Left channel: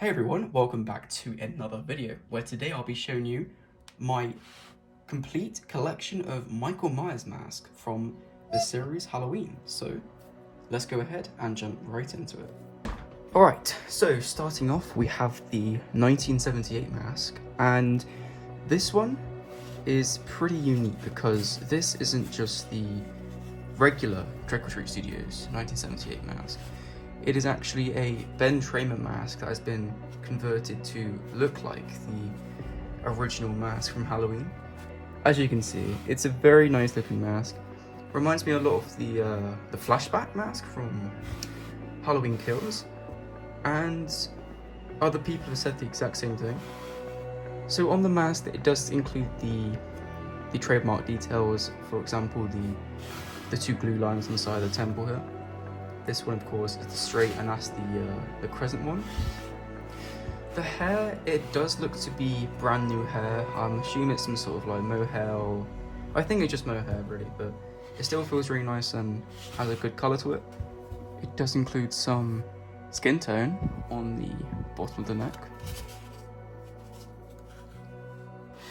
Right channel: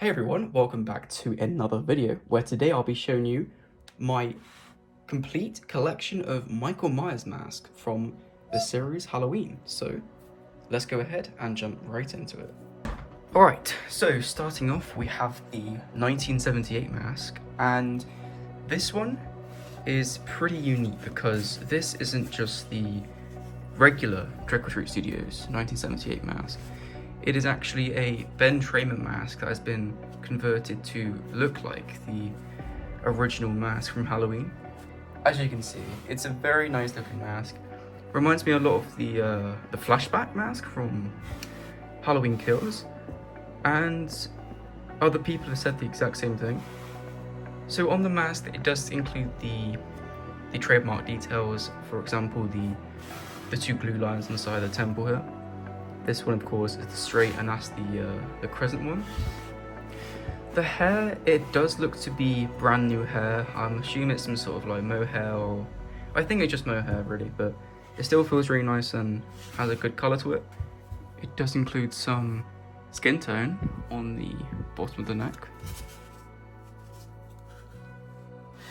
Hey everyone, welcome back to another video where today I'll be showing you my complete collection of Michael Myers masks from the series Halloween. So let's go ahead and jump right into it. Alright, so starting off we have the 1978 mask, and this one is pretty unique because this isn't just the regular Trick or Treat Studios 1978 mask. It is actually a Ben Tramer mask that has been converted to look like the original mask from Halloween. As you can see, it's a very nice looking mask. Reminds me a lot of the flashback mask from Halloween Kills, and other people have said the exact same thing. So on the mask, it does include the trademark details. For example, the two glue lines inside the temple here. This one, of course, is the straight, and that's the crescent one. The hair, it does look to be brand new hair. I'm assuming it's some sort of like mohair, or I think it's just mohair really, but it still feels really nice and has a good color to it. It does include some skin tone on the bottom of the neck.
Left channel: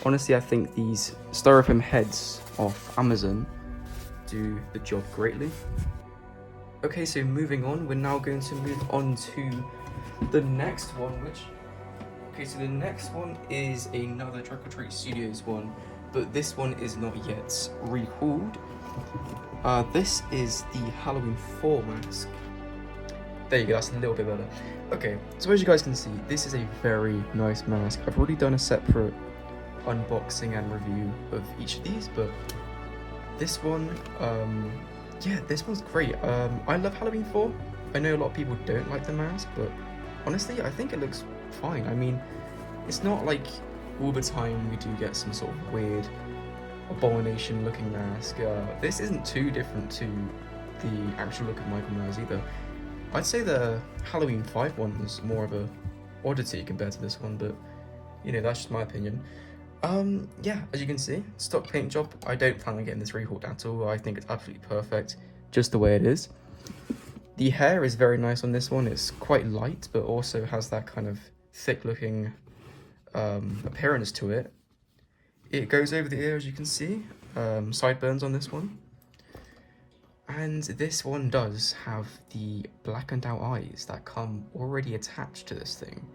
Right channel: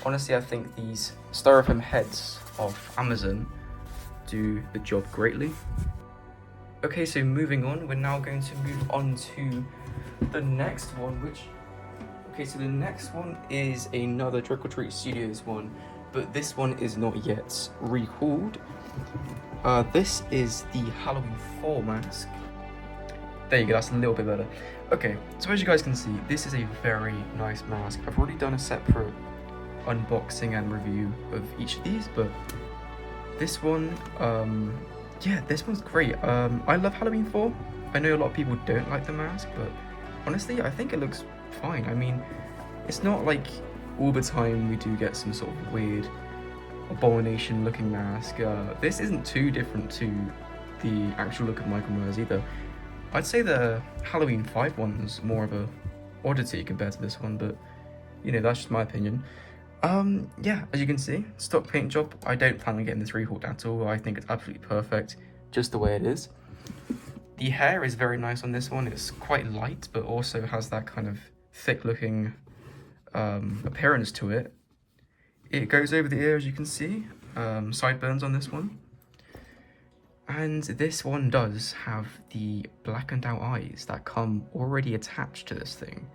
Honestly, I think these styrofoam heads off Amazon do the job greatly. Okay, so moving on, we're now going to move on to the next one, so the next one is another Trick or Treat Studios one, but this one is not yet rehauled. This is the Halloween 4 mask. There you go, that's a little bit better. Okay, so as you guys can see, this is a very nice mask. I've already done a separate unboxing and review of each of these, but this one, yeah, this one's great. I love Halloween 4. I know a lot of people don't like the mask, but honestly, I think it looks fine. I mean, it's not like all the time we do get some sort of weird abomination looking mask. This isn't too different to the actual look of Michael Myers either. I'd say the Halloween 5 one was more of a oddity compared to this one, but you know, that's just my opinion. Yeah, as you can see, stock paint job. I don't plan on getting this rehauled at all. I think it's absolutely perfect, just the way it is. The hair is very nice on this one. It's quite light, but also has that kind of thick-looking appearance to it. It goes over the ear, as you can see. Sideburns on this one. And this one does have the blackened out eyes that come already attached to this thing.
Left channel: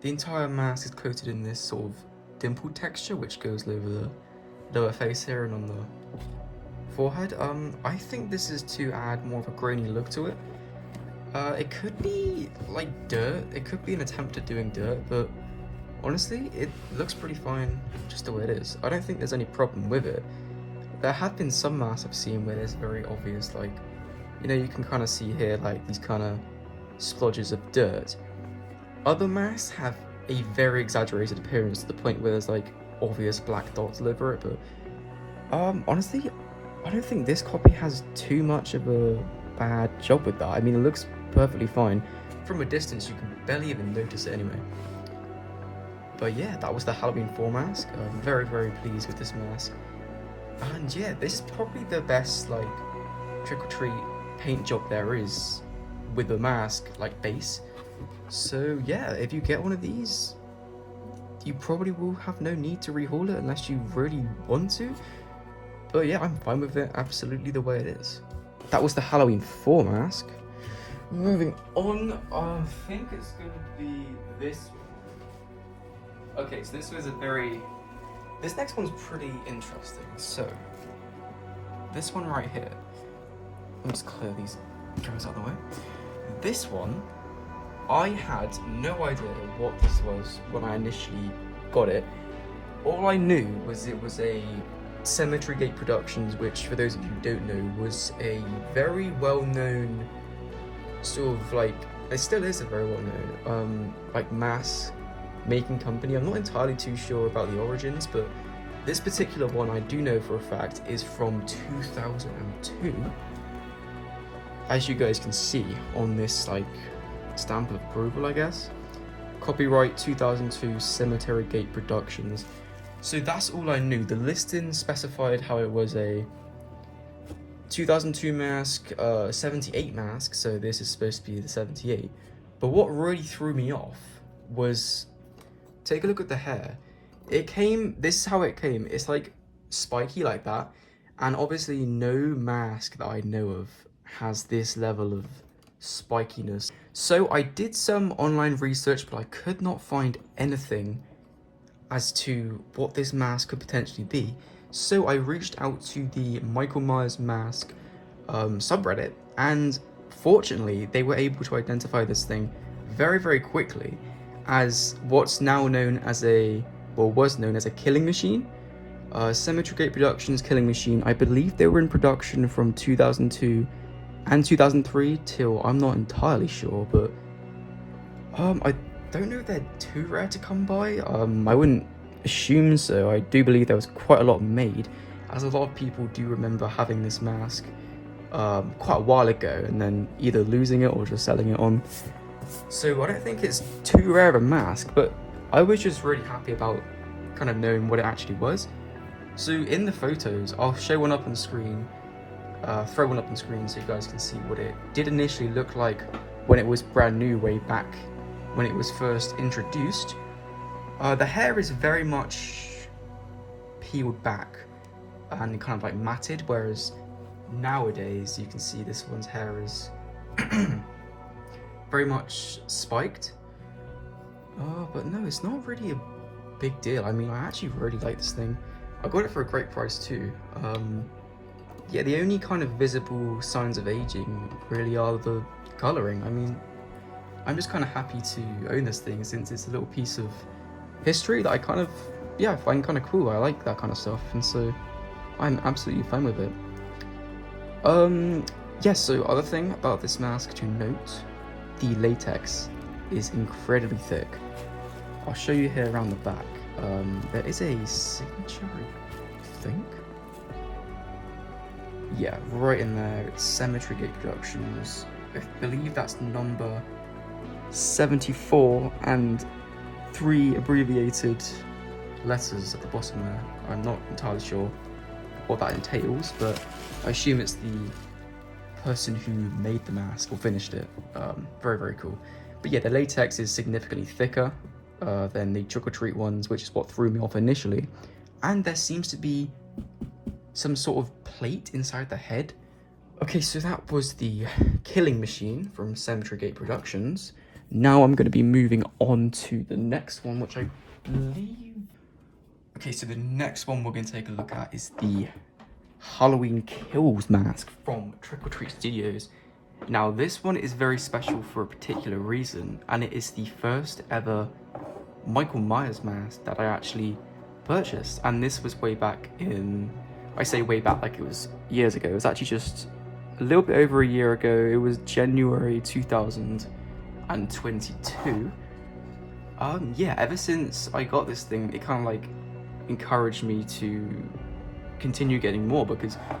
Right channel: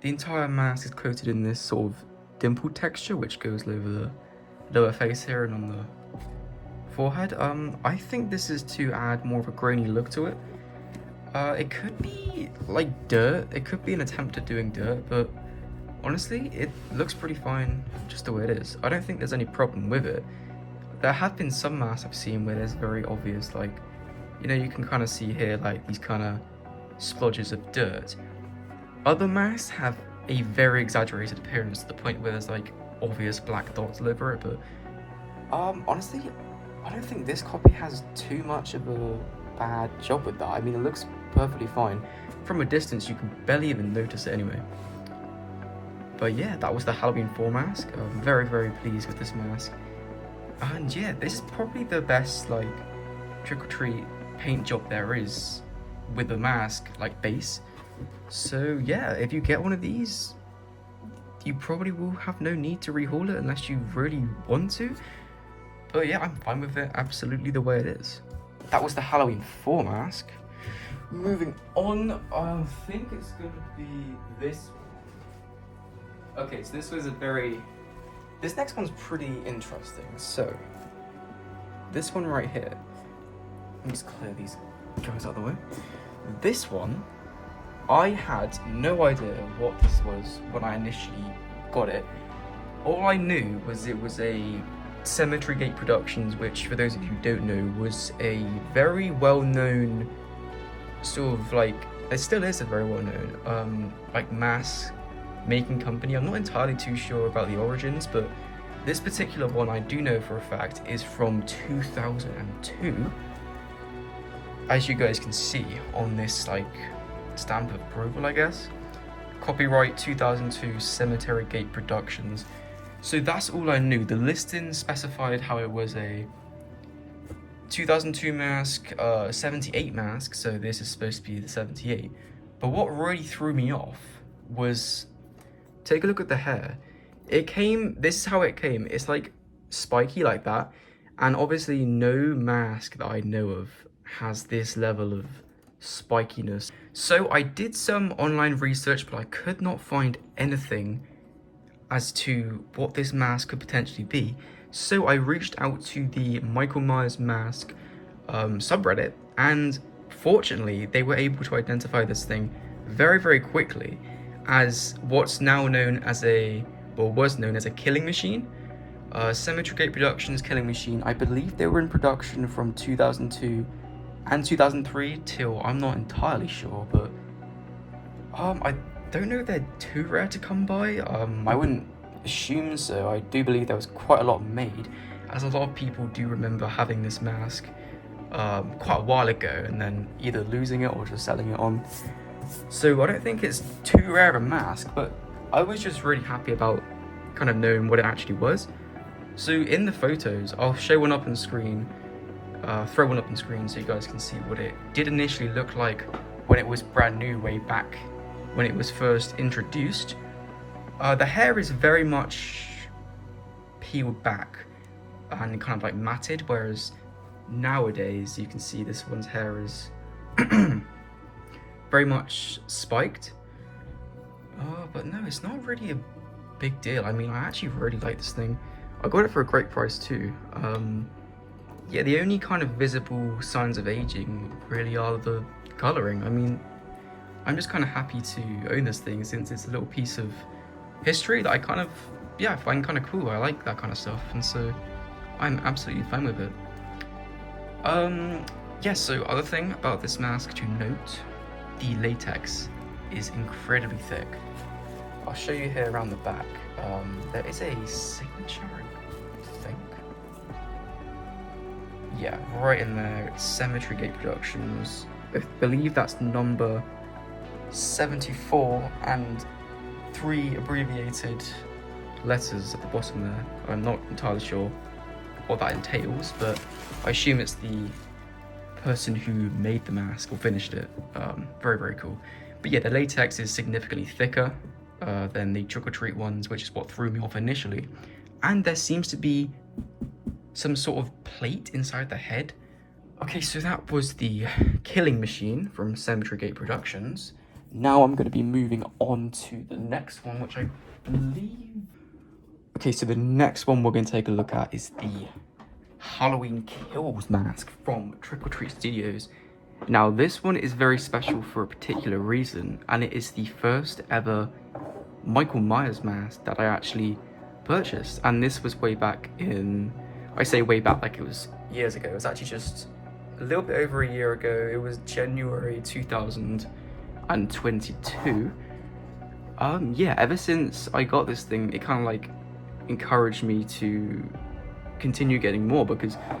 The entire mask is coated in this sort of dimple texture, which goes over the lower face here and on the forehead. I think this is to add more of a grainy look to it. It could be like dirt, it could be an attempt at doing dirt, but honestly, it looks pretty fine just the way it is. I don't think there's any problem with it. There have been some masks I've seen where there's very obvious, like, you know, you can kind of see here like these kind of splodges of dirt. Other masks have a very exaggerated appearance to the point where there's like obvious black dots all over it, but honestly, I don't think this copy has too much of a bad job with that. I mean, it looks perfectly fine. From a distance, you can barely even notice it anyway. But yeah, that was the Halloween 4 mask. I'm very, very pleased with this mask. And yeah, this is probably the best like Trick or Treat paint job there is with the mask, like base. So yeah, if you get one of these, you probably will have no need to rehaul it unless you really want to. But yeah, I'm fine with it absolutely the way it is. That was the Halloween 4 mask. Moving on, I think it's going to be this one. Okay, so this next one's pretty interesting. So, this one right here, let me just clear these guys out of the way. This one, I had no idea what this was when I initially got it. All I knew was it was a Cemetery Gate Productions, which, for those of you who don't know, was a very well-known sort of like, it still is a very well-known like mask making company. I'm not entirely too sure about the origins, but this particular one I do know for a fact is from 2002. As you guys can see on this like stamp of approval, I guess. Copyright 2002 Cemetery Gate Productions. So that's all I knew. The listing specified how it was a 2002 mask, 78 mask, so this is supposed to be the 78. But what really threw me off was, take a look at the hair. This is how it came. It's like spiky like that. And obviously no mask that I know of has this level of spikiness. So I did some online research, but I could not find anything as to what this mask could potentially be. So I reached out to the Michael Myers mask subreddit, and fortunately they were able to identify this thing very, very quickly as what's now known as was known as a killing machine. Cemetery Gate Productions killing machine. I believe they were in production from 2002 and 2003 till, I'm not entirely sure, but I don't know if they're too rare to come by. I wouldn't assume so. I do believe there was quite a lot made, as a lot of people do remember having this mask quite a while ago and then either losing it or just selling it on. So I don't think it's too rare of a mask, but I was just really happy about kind of knowing what it actually was. So in the photos, I'll show one up on screen, throw one up on screen so you guys can see what it did initially look like when it was brand new way back when it was first introduced. The hair is very much peeled back and kind of like matted, whereas nowadays you can see this one's hair is very much spiked. But no, it's not really a big deal. I mean, I actually really like this thing. I got it for a great price too. Yeah, the only kind of visible signs of aging really are the coloring. I mean, I'm just kind of happy to own this thing since it's a little piece of history that I kind of, yeah, find kind of cool. I like that kind of stuff, and so I'm absolutely fine with it. Yeah, so other thing about this mask to note, the latex is incredibly thick. I'll show you here around the back. There is a signature, I think. Yeah, right in there, it's Cemetery Gate Productions. I believe that's number 74 and 3 abbreviated letters at the bottom there. I'm not entirely sure what that entails, but I assume it's the person who made the mask or finished it. Very, very cool. But yeah, the latex is significantly thicker than the Trick or Treat ones, which is what threw me off initially. And there seems to be some sort of plate inside the head. Okay, so that was the killing machine from Cemetery Gate Productions. Now I'm going to be moving on to the next one, which I believe... Okay, so the next one we're going to take a look at is the Halloween Kills mask from Trick or Treat Studios. Now, this one is very special for a particular reason, and it is the first ever Michael Myers mask that I actually purchased. And this was way back in... I say way back like it was years ago. It was actually just a little bit over a year ago. It was January 2022. Yeah, ever since I got this thing, it kind of like encouraged me to continue getting more, because I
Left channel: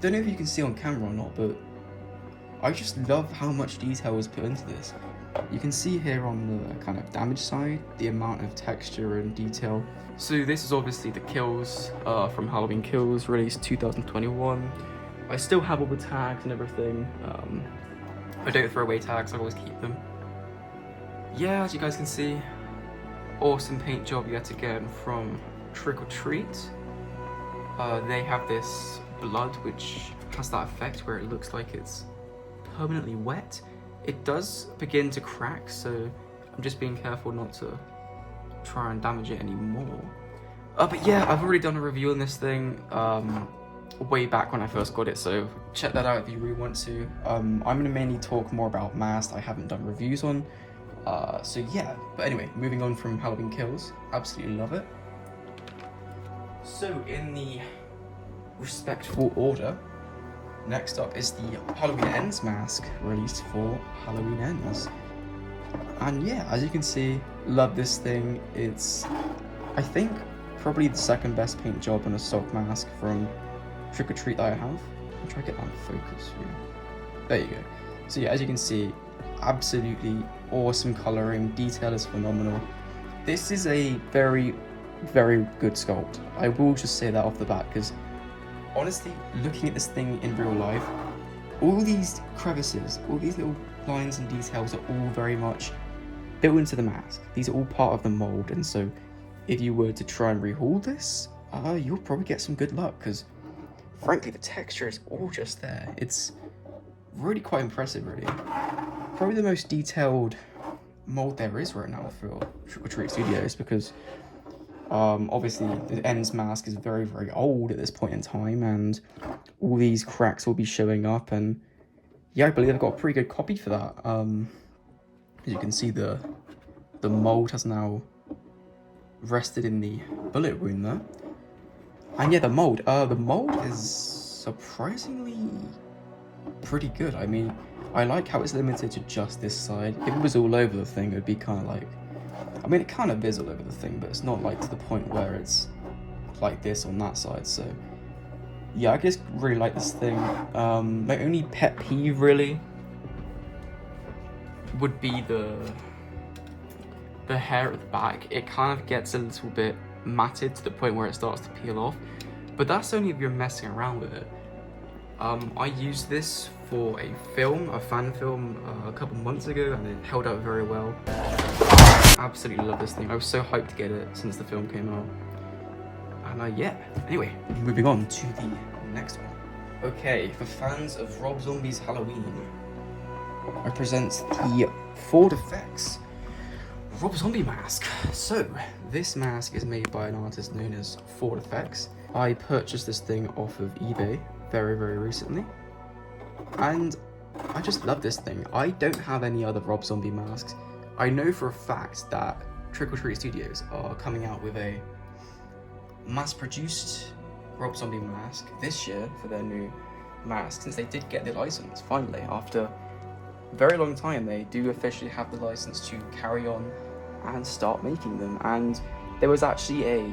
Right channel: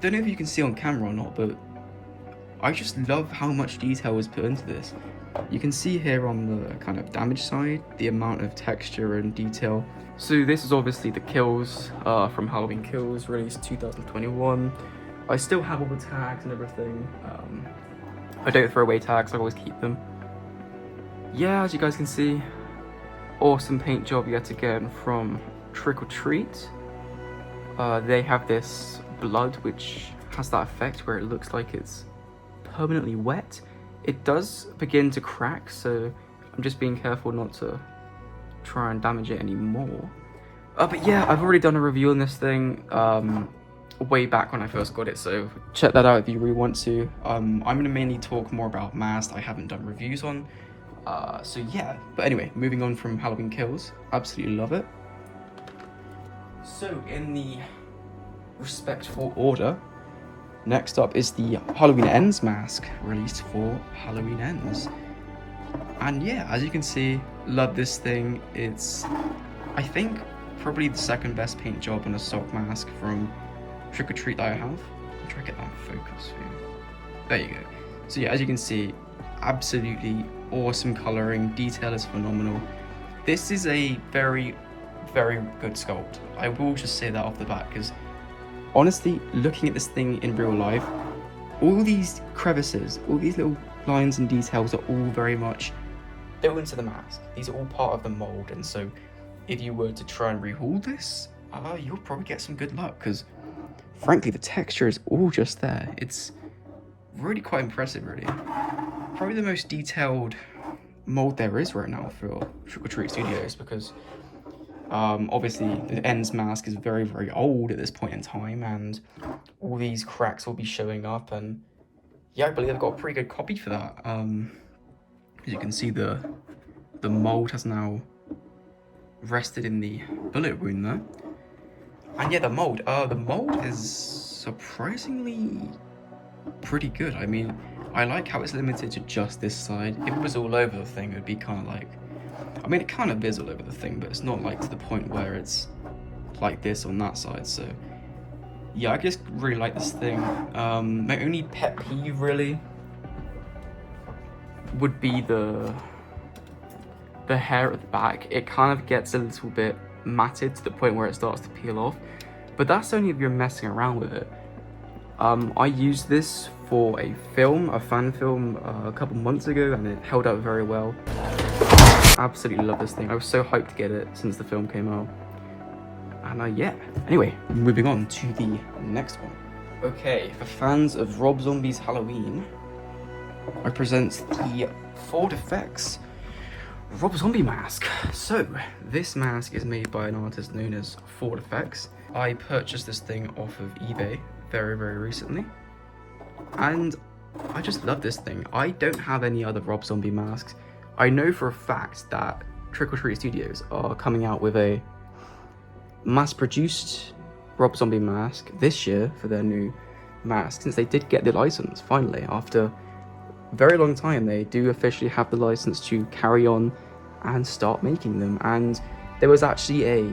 don't know if you can see on camera or not, but I just love how much detail was put into this. You can see here on the kind of damage side the amount of texture and detail. So this is obviously the kills from Halloween Kills, released 2021. I still have all the tags and everything. I don't throw away tags, I always keep them. Yeah, as you guys can see, awesome paint job yet again from Trick or Treat. They have this blood which has that effect where it looks like it's permanently wet. It does begin to crack, so I'm just being careful not to try and damage it anymore. But yeah, I've already done a review on this thing way back when I first got it, so check that out if you really want to. I'm going to mainly talk more about masks I haven't done reviews on. So yeah, but anyway, moving on from Halloween Kills, absolutely love it. So in the respectful order, next up is the Halloween Ends mask, released for Halloween Ends. And yeah, as you can see, love this thing. It's, I think, probably the second best paint job on a sock mask from Trick or Treat that I have. I'll try to get that in focus for you. There you go. So yeah, as you can see, absolutely awesome coloring, detail is phenomenal. This is a very, very good sculpt. I will just say that off the bat, because honestly, looking at this thing in real life, all these crevices, all these little lines and details are all very much built into the mask. These are all part of the mold, and so if you were to try and rehaul this, you'll probably get some good luck, because frankly the texture is all just there. It's really quite impressive, really. Probably the most detailed mold there is right now for Trick or Treat Studios, because obviously the ends mask is very, very old at this point in time, and all these cracks will be showing up, and yeah, I believe I've got a pretty good copy for that. As you can see, the mold has now rested in the bullet wound there. And yeah, the mold is surprisingly pretty good. I mean, I like how it's limited to just this side. If it was all over the thing, it would be kind of like, I mean, it kind of is all over the thing, but it's not like to the point where it's like this on that side. So yeah, I just really like this thing. My only pet peeve really would be the hair at the back. It kind of gets a little bit matted to the point where it starts to peel off, but that's only if you're messing around with it. I used this for a fan film a couple months ago, and it held up very well. Absolutely love this thing. I was so hyped to get it since the film came out. And yeah, anyway, moving on to the next one. Okay, for fans of Rob Zombie's Halloween, I present the Ford Effects Rob Zombie mask. So, this mask is made by an artist known as Ford Effects. I purchased this thing off of eBay very, very recently, and I just love this thing. I don't have any other Rob Zombie masks. I know for a fact that Trick or Treat Studios are coming out with a mass-produced Rob Zombie mask this year for their new mask, since they did get the license finally. After a very long time, they do officially have the license to carry on and start making them. And there was actually a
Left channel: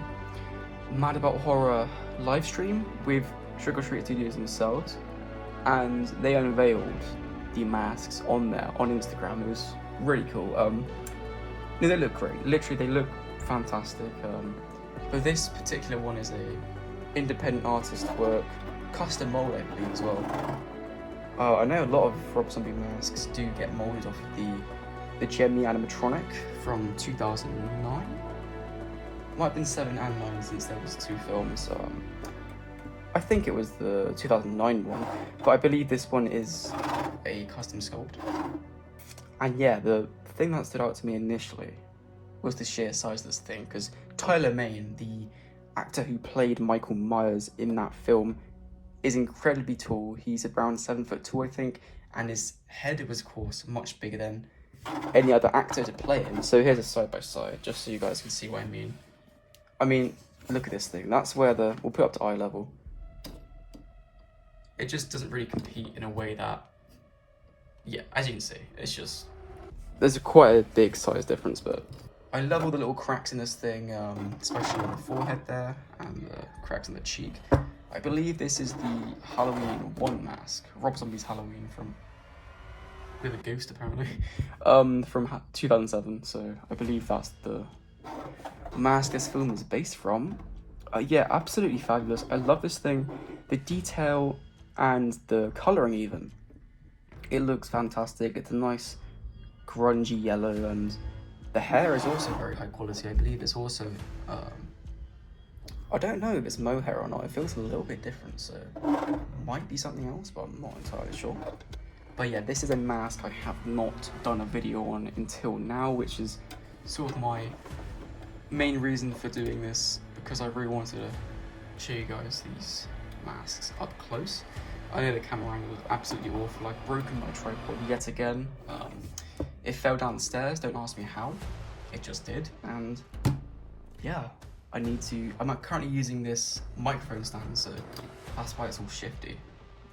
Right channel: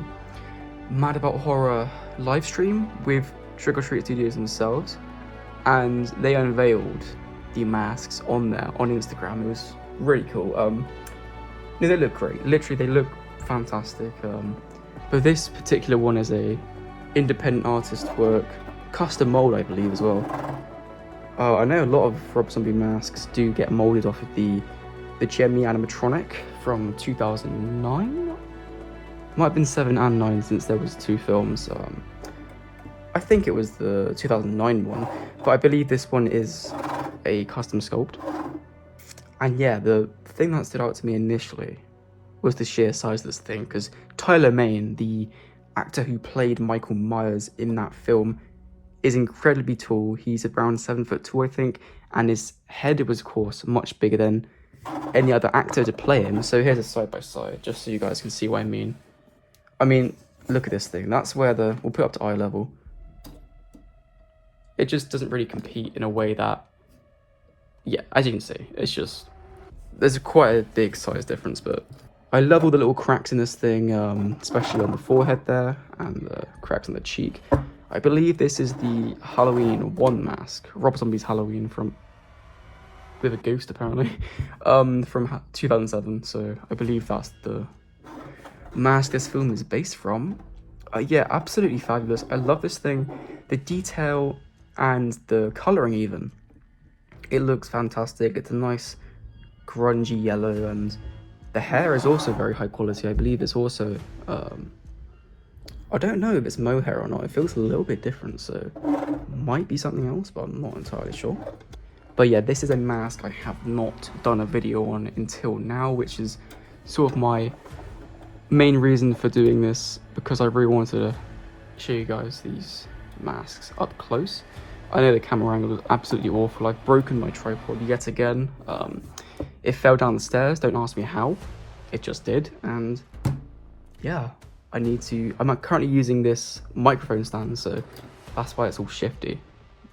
Mad About Horror live stream with Trick or Treat Studios themselves, and they unveiled the masks on there on Instagram. It was really cool. No, they look great. Literally, they look fantastic. But this particular one is a independent artist work, custom mold, I believe, as well. I know a lot of Rob Zombie masks do get molded off of the Gemini animatronic from 2009. Might have been 7 and 9 since there was 2 films. I think it was the 2009 one, but I believe this one is a custom sculpt. And yeah, the thing that stood out to me initially was the sheer size of this thing, because Tyler Mane, the actor who played Michael Myers in that film, is incredibly tall. He's around 7 foot tall, I think, and his head was, of course, much bigger than any other actor to play him. So here's a side by side, just so you guys can see what I mean. I mean, look at this thing. That's where we'll put it up to eye level. It just doesn't really compete in a way that, yeah, as you can see, it's just, there's quite a big size difference, but I love all the little cracks in this thing, especially on the forehead there, and the cracks on the cheek. I believe this is the Halloween 1 mask, Rob Zombie's Halloween with a ghost apparently, from 2007, so I believe that's the mask this film is based from. Yeah, absolutely fabulous. I love this thing. The detail and the colouring even. It looks fantastic. It's a nice grungy yellow, and the hair is also very high quality. I believe it's also, I don't know if it's mohair or not. It feels a little bit different, so might be something else, but I'm not entirely sure. But yeah, this is a mask I have not done a video on until now, which is sort of my main reason for doing this, because I really wanted to show you guys these masks up close. I know the camera angle was absolutely awful. I've broken my tripod yet again. It fell down the stairs. Don't ask me how. It just did. And yeah, I'm currently using this microphone stand, so that's why it's all shifty.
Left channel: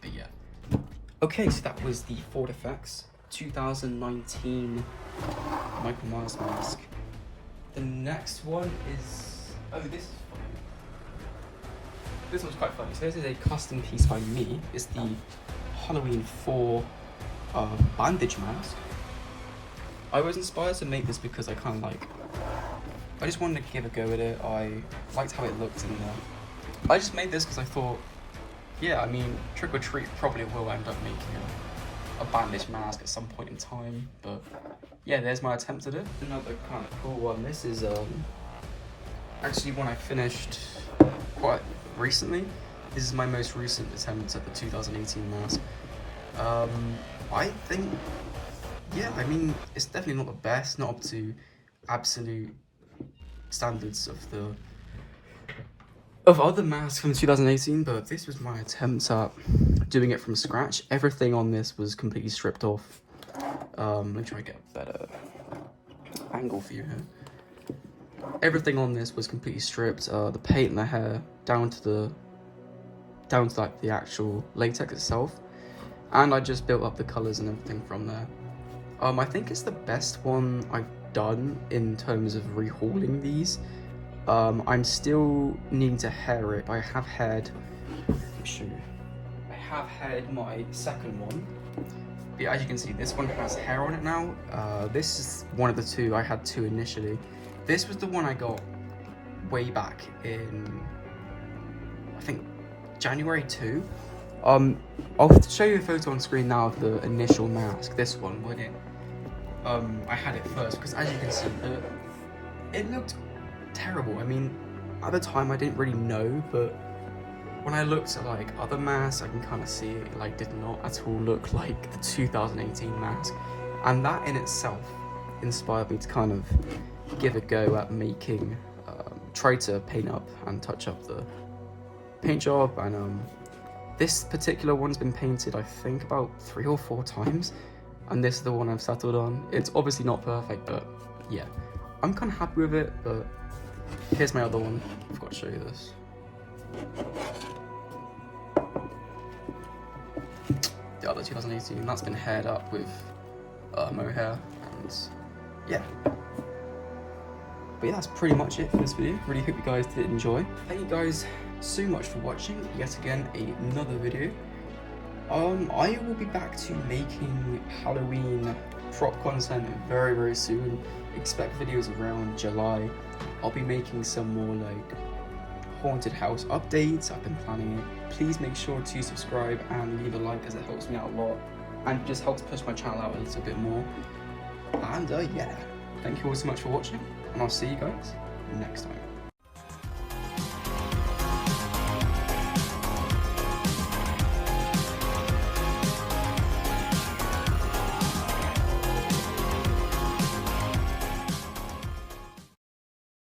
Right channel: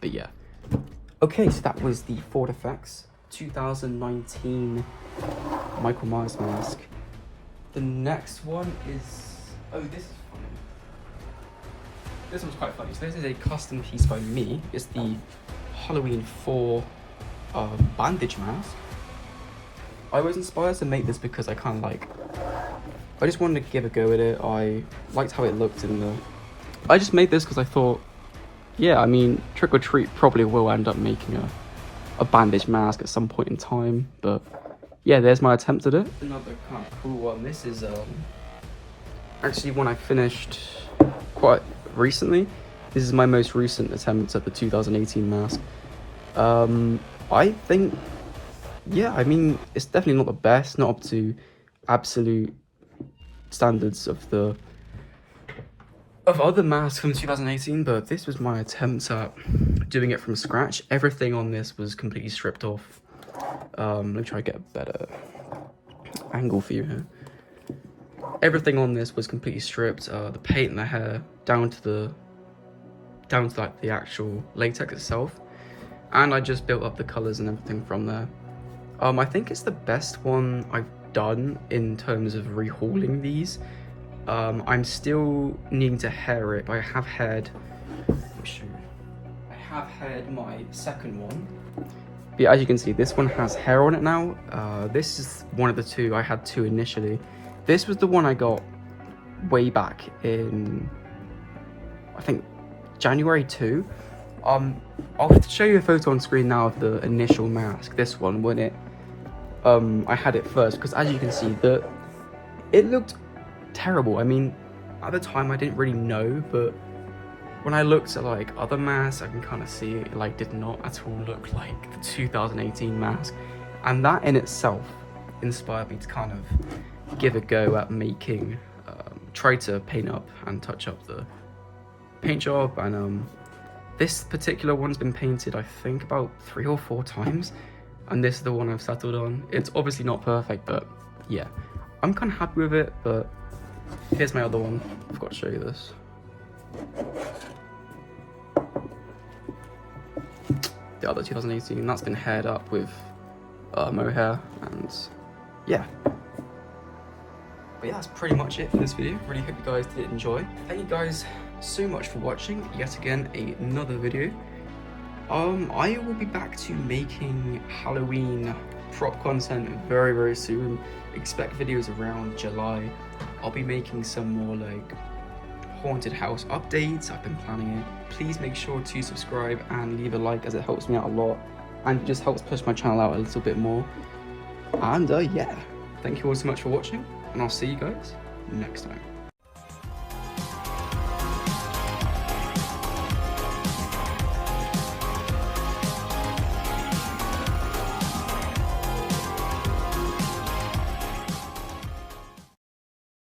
But yeah. Okay, so that was the Ford Effects 2019 Michael Myers mask. The next one is, oh, this one's quite funny. So this is a custom piece by me. It's the Halloween 4 Bandaged mask. I was inspired to make this because I just wanted to give a go at it. I liked how it looked I just made this because I thought yeah, I mean, Trick or Treat probably will end up making a bandaged mask at some point in time, but yeah, there's my attempt at it. Another kind of cool one. This is actually one I finished quite recently. This is my most recent attempt at the 2018 mask. I think, yeah, I mean, it's definitely not the best, not up to absolute standards of other masks from 2018, but this was my attempt at doing it from scratch. Everything on this was completely stripped off. Let me try to get a better angle for you here. Everything on this was completely stripped. The paint and the hair down to like the actual latex itself, and I just built up the colors and everything from there. I think it's the best one I've done in terms of rehauling these. I'm still needing to hair it, but I have haired my second one. But yeah, as you can see, this one has hair on it now. This is one of the two. I had two initially. This was the one I got way back in, I think, January 2. I'll show you a photo on screen now of the initial mask, this one, when it, I had it first, because as you can see, it looked terrible. I mean, at the time I didn't really know, but when I looked at like other masks, I can kind of see it like did not at all look like the 2018 mask, and that in itself inspired me to kind of give a go at making, try to paint up and touch up the paint job. And this particular one's been painted I think about 3 or 4 times, and this is the one I've settled on. It's obviously not perfect, but yeah, I'm kind of happy with it. But here's my other one. I forgot to show you this. The other 2018, that's been haired up with mohair, and yeah. But yeah, that's pretty much it for this video. Really hope you guys did enjoy. Thank you guys so much for watching yet again another video. I will be back to making Halloween prop content very, very soon. Expect videos around July. I'll be making some more like haunted house updates. I've been planning it. Please make sure to subscribe and leave a like, as it helps me out a lot and just helps push my channel out a little bit more. And yeah, thank you all so much for watching, and I'll see you guys next time.